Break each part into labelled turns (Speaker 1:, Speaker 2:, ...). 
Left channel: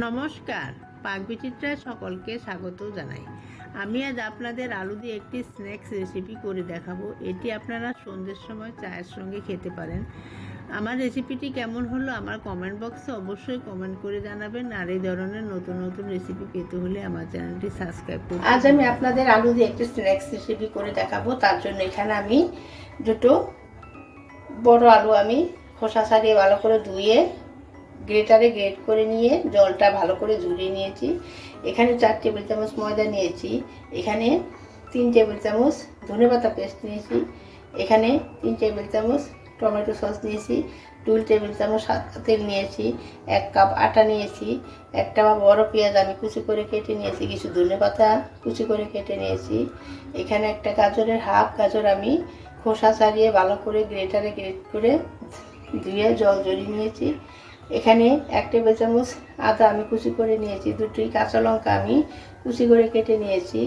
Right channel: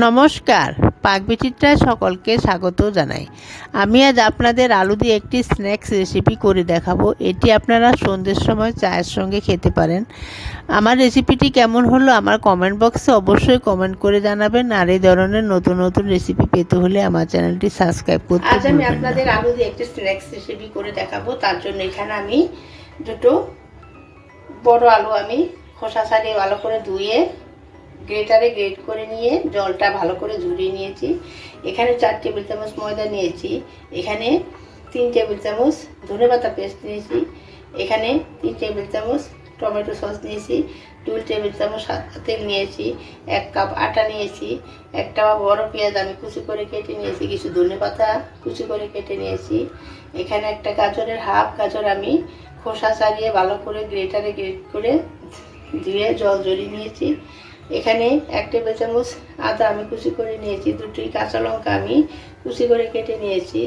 Speaker 1: নমস্কার পাকবিচিত্রায় সকলকে স্বাগত জানাই। আমি আজ আপনাদের আলু দিয়ে একটি স্ন্যাক্স রেসিপি করে দেখাবো। এটি আপনারা সন্ধ্যের সময় চায়ের সঙ্গে খেতে পারেন। আমার রেসিপিটি কেমন হলো আমার কমেন্ট বক্সে অবশ্যই কমেন্ট করে জানাবেন। আর এই ধরনের নতুন নতুন রেসিপি পেতে হলে আমার চ্যানেলটি সাবস্ক্রাইব করতে
Speaker 2: আজ আমি আপনাদের আলু দিয়ে একটি স্ন্যাক্স রেসিপি করে দেখাবো। তার জন্য এখানে আমি দুটো বড় আলু আমি খোসা ছাড়িয়ে ভালো করে ধুয়ে গ্রেটারে গ্রেট করে নিয়ে জলটা ভালো করে ঝরিয়ে নিয়েছি। এখানে চার টেবিল চামচ ময়দা নিয়েছি। এখানে তিন টেবিল চামচ ধনে পাতা পেস্ট নিয়েছি। এখানে তিন টেবিল চামচ টমেটো সস নিয়েছি। দুই টেবিল চামচ তেল নিয়েছি। এক কাপ আটা নিয়েছি। একটা বড় পেঁয়াজ আমি কুচি করে কেটে নিয়েছি। কিছু ধনে পাতা কুচি করে কেটে নিয়েছি। এখানে একটা গাজরের হাফ গাজর আমি খোসা ছাড়িয়ে ভালো করে গ্রেটারে গ্রেট করে ধুয়ে জল জড়িয়ে নিয়েছি। এখানে এক টেবিল চামচ আদা আমি কুচি করে নিয়েছি, দুটি কাঁচা লঙ্কা আমি কুচি করে কেটে নিয়েছি,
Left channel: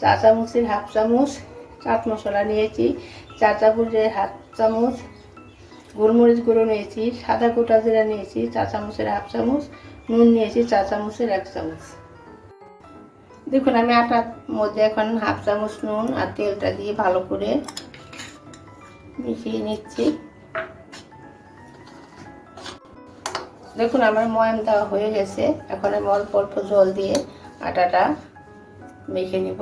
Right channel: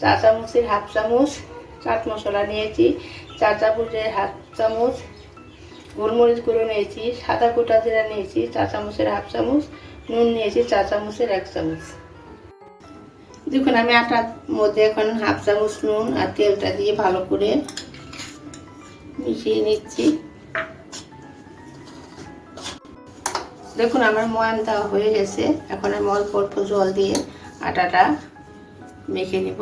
Speaker 2: চা চামচের হাফ চামচ চাট মশলা নিয়েছি চা চামচের হাফ চামচ গোলমরিচ গুঁড়ো নিয়েছি, সাদা গোটা জিরা নিয়েছি, চা চামচের হাফ চামচ নুন নিয়েছি, চা চামচের এক চামচ। দেখুন, আমি আটার মধ্যে এখন হাফ চামচ নুন আর তেলটা দিয়ে ভালো করে মিশিয়ে নিচ্ছি। দেখুন, আমার দেওয়া হয়ে গেছে। এখন আমি অল্প অল্প জল দিয়ে আটাটা মেখে নেব।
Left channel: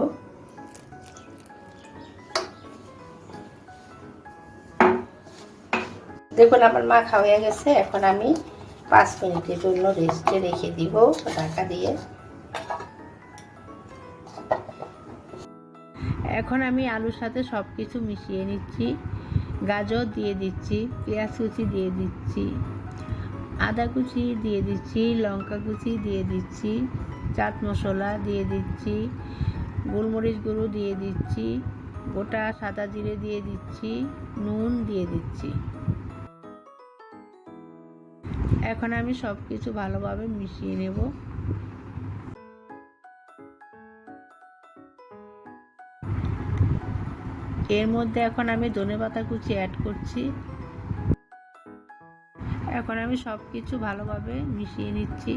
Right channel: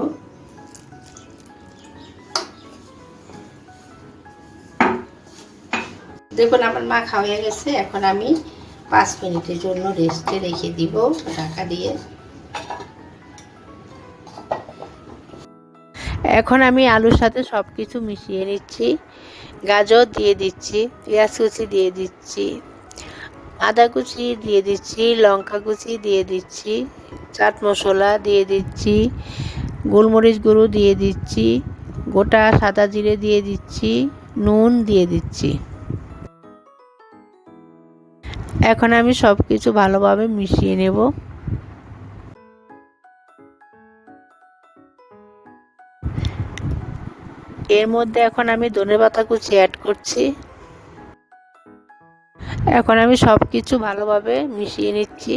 Speaker 2: দেখুন, আমার মাখা হয়ে গেছে। এখন আমি পাঁচ মিনিটের জন্য রেস্টে রেখে দিব ঢাকা দিয়ে।
Speaker 1: এখন আমি আলুর সাথে সব কিছু মিশিয়ে নিচ্ছি। গাজর দিয়ে দিচ্ছি, পেঁয়াজ কুচি দিয়ে দিচ্ছি। আদা কুচি দিয়ে দিচ্ছি, লঙ্কা কুচি দিয়ে দিচ্ছি, চাট মশলা দিয়ে দিচ্ছি, গোলমরিচ গুঁড়ো দিয়ে দিচ্ছি, গোটা সাদা জিরে দিয়ে দিচ্ছি, নুন দিয়ে দিচ্ছি। এখন আমি সব কিছু ভালোভাবে মিশিয়ে নেব। এর মধ্যে এখন আমি ধনেপাতা কুচি অ্যাড করছি। এখন আমি সব কিছু ভালোভাবে মিশিয়ে নিচ্ছি।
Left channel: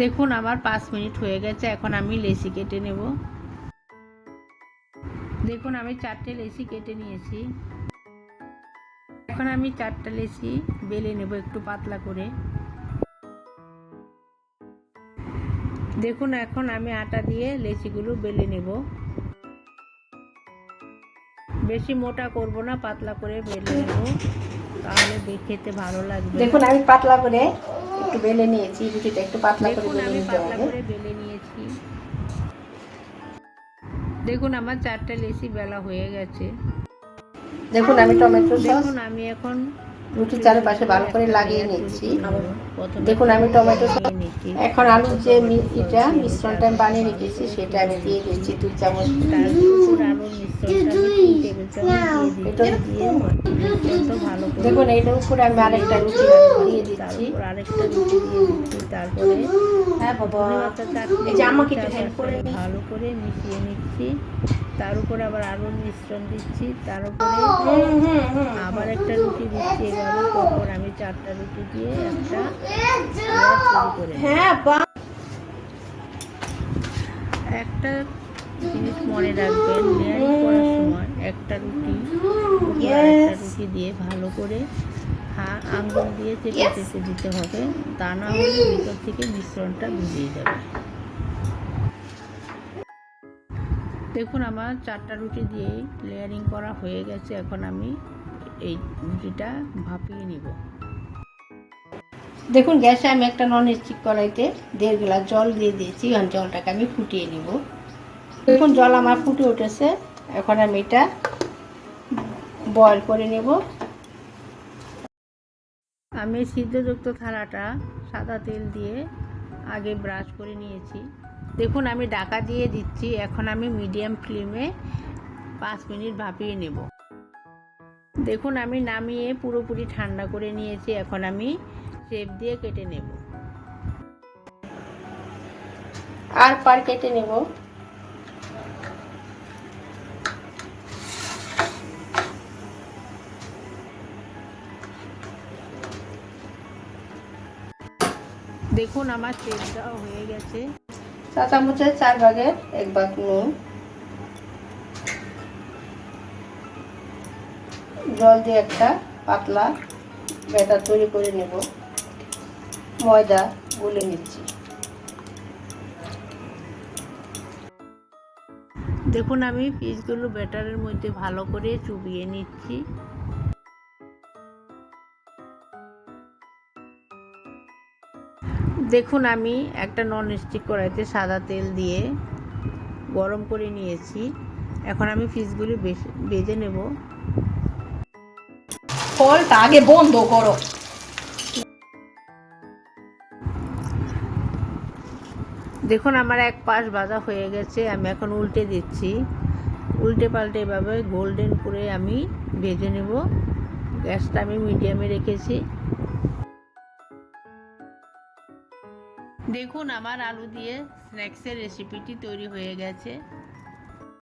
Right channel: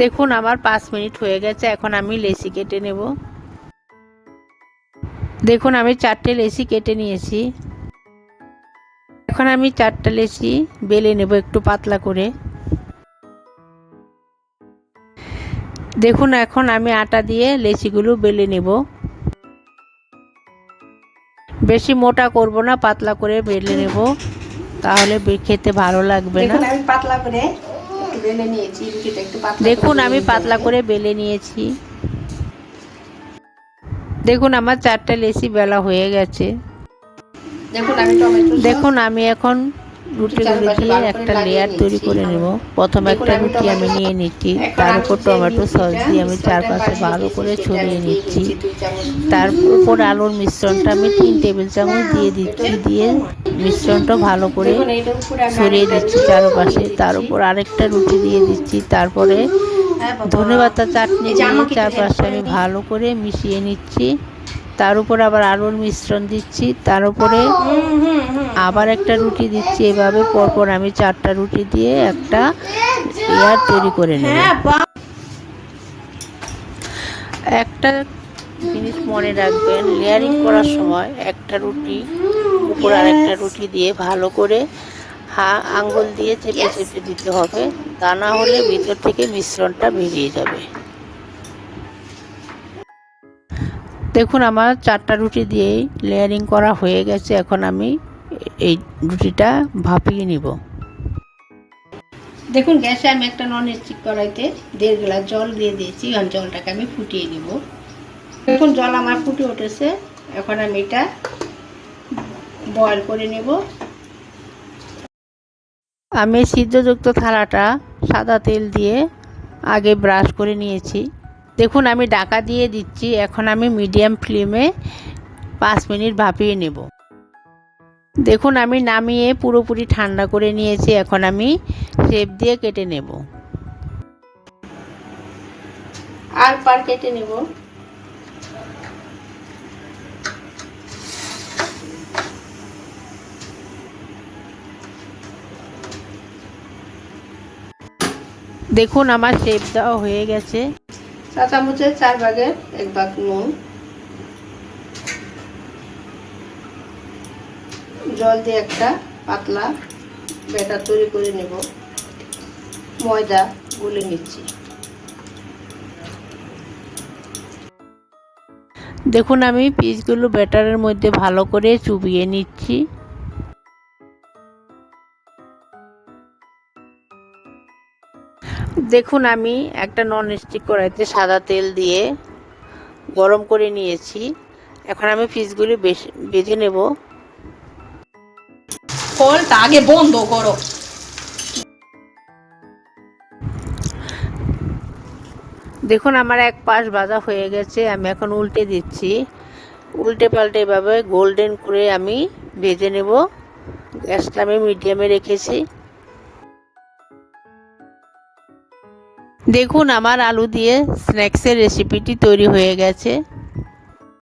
Speaker 1: দেখুন, আমার পাঁচ মিনিট হয়ে গেছে, এখন আমি লেসি কেটে নেব। দেখুন, আমি চারটে লেসি কেটে নিয়েছি। এখন আমি চারটা লেসি বেলে নেব একটু পাতলা করে। দেখুন, এখন আমি আটা দিয়ে লেচিগুলো বেলে নেব। বেশি মোটা করব না পাতলা করে বেলে নেব। তাহলে খেতে ভালো লাগবে না।
Speaker 2: দেখুন আমি পাতলা করে বেলে নিয়েছি একটু পাতলা
Speaker 1: দেখুন আমি পাতলা করে বেলে নিয়েছি। দেখুন আমার চারটা লেসি বেলা হয়ে গেছে।
Speaker 2: দেখুন আমি টমেটো
Speaker 1: দেখুন আমি এখন একটা লেয়ার তৈরি করে নেব। প্রথমে একটা রুটি আমি নিয়ে নিচ্ছি। তার উপর টমেটো সস দিয়ে আমি চারপাশে ভালো করে ছড়িয়ে নিচ্ছি। তার উপর আলুর মিশ্রণটা আমি তিন টেবিল চামচ দিয়ে দিচ্ছি দিয়ে মিশ্রণটা ভালো করে ছড়িয়ে দিচ্ছি চারপাশে। তার উপর আরেকটা রুটি দিয়ে দিচ্ছি তারপরে
Speaker 2: হ্যাঁ।
Speaker 1: ধনে পাতা চাটনি চারপাশে আমি ভালো করে মিশিয়ে নিচ্ছি। তার উপর আবার আলুর মিশ্রণ দিচ্ছি। তার উপরে। আবার একটা রুটি দিচ্ছি এভাবে। পরপর আমি চারটা রুটি দিয়ে একটা লেয়ার তৈরি করে নেব।
Speaker 2: হ্যাঁ
Speaker 1: একটা জিনিস মনে রাখবেন লেয়ারিং করার সময় একটা রুটি উপর আর একটা রুটি দিয়ে ভালো করে আঙ্গুল দিয়ে চেপে. চেপে দিতে হবে। তা না হলে ভিতর থেকে মিশ্রণটা বেরিয়ে যাবে। দেখুন আমার চারটা রুটি দিয়েই লেয়ারিং করা হয়ে গেছে। এখন আমি এই রুটিটা ভাপিয়ে নিব।
Speaker 2: দেখুন গ্যাসে আমি একটা নন স্টিক কড়াইতে দেড় গ্লাস জল দিয়ে দিয়েছি। এখন জলটাকে আমি ফুটিয়ে নিব। দেখুন জল আমার ফুটে উঠেছে। এখন আমি এটা বয়ল করে নেব।
Speaker 1: আমি সিদ্ধযুক্ত থালাটা সাদা তেল দিয়ে আগে ব্রাশ করে নিয়েছি। দেখুন, আমি ডাকা দিয়ে দিচ্ছি। এখন আমি মিডিয়াম ফ্লেমে পাঁচ মিনিট ভাপিয়ে নেব। দেখুন, আমি নামিয়ে পুরোপুরি ঠান্ডা করে নিয়েছি। এখন আমি শেপ দিয়ে কেটে নেব।
Speaker 2: আর পার কেটে নেব।
Speaker 1: দেখুন আমার শেপ দেওয়া হয়ে গেছে।
Speaker 2: চা চামচের চার ভাগের এক ভাগ নুন। জল দিয়ে একটা পাতলা ব্যাটার তৈরি করে নেব। ময়দা গুলে নিচ্ছি।
Speaker 1: দেখুন আমি পিসগুলো ব্যাটারের মধ্যে ভালো করে চুবিয়ে নিচ্ছি। দেখুন আমি একটা নন স্টিক কড়াইতে সাদা তেল দিয়ে গরম করে নিয়েছি। এখন আমি পিসগুলি বেশ ভেজে নেব।
Speaker 3: কলটা আগে বন্ধ করো।
Speaker 1: দেখুন আমার এক পাশ ভাজা হয়ে গেছে আমি এখন উল্টে দিচ্ছি। উল্টে পাল্টে এভাবে গোল্ডেন করে আমি ভেজে নেব। গ্যাসটা আমি মিডিয়ামে রেখেছি। দেখুন আমার আলু দিয়ে স্ন্যাক্সের রেসিপিটি তৈরি হয়ে গেছে।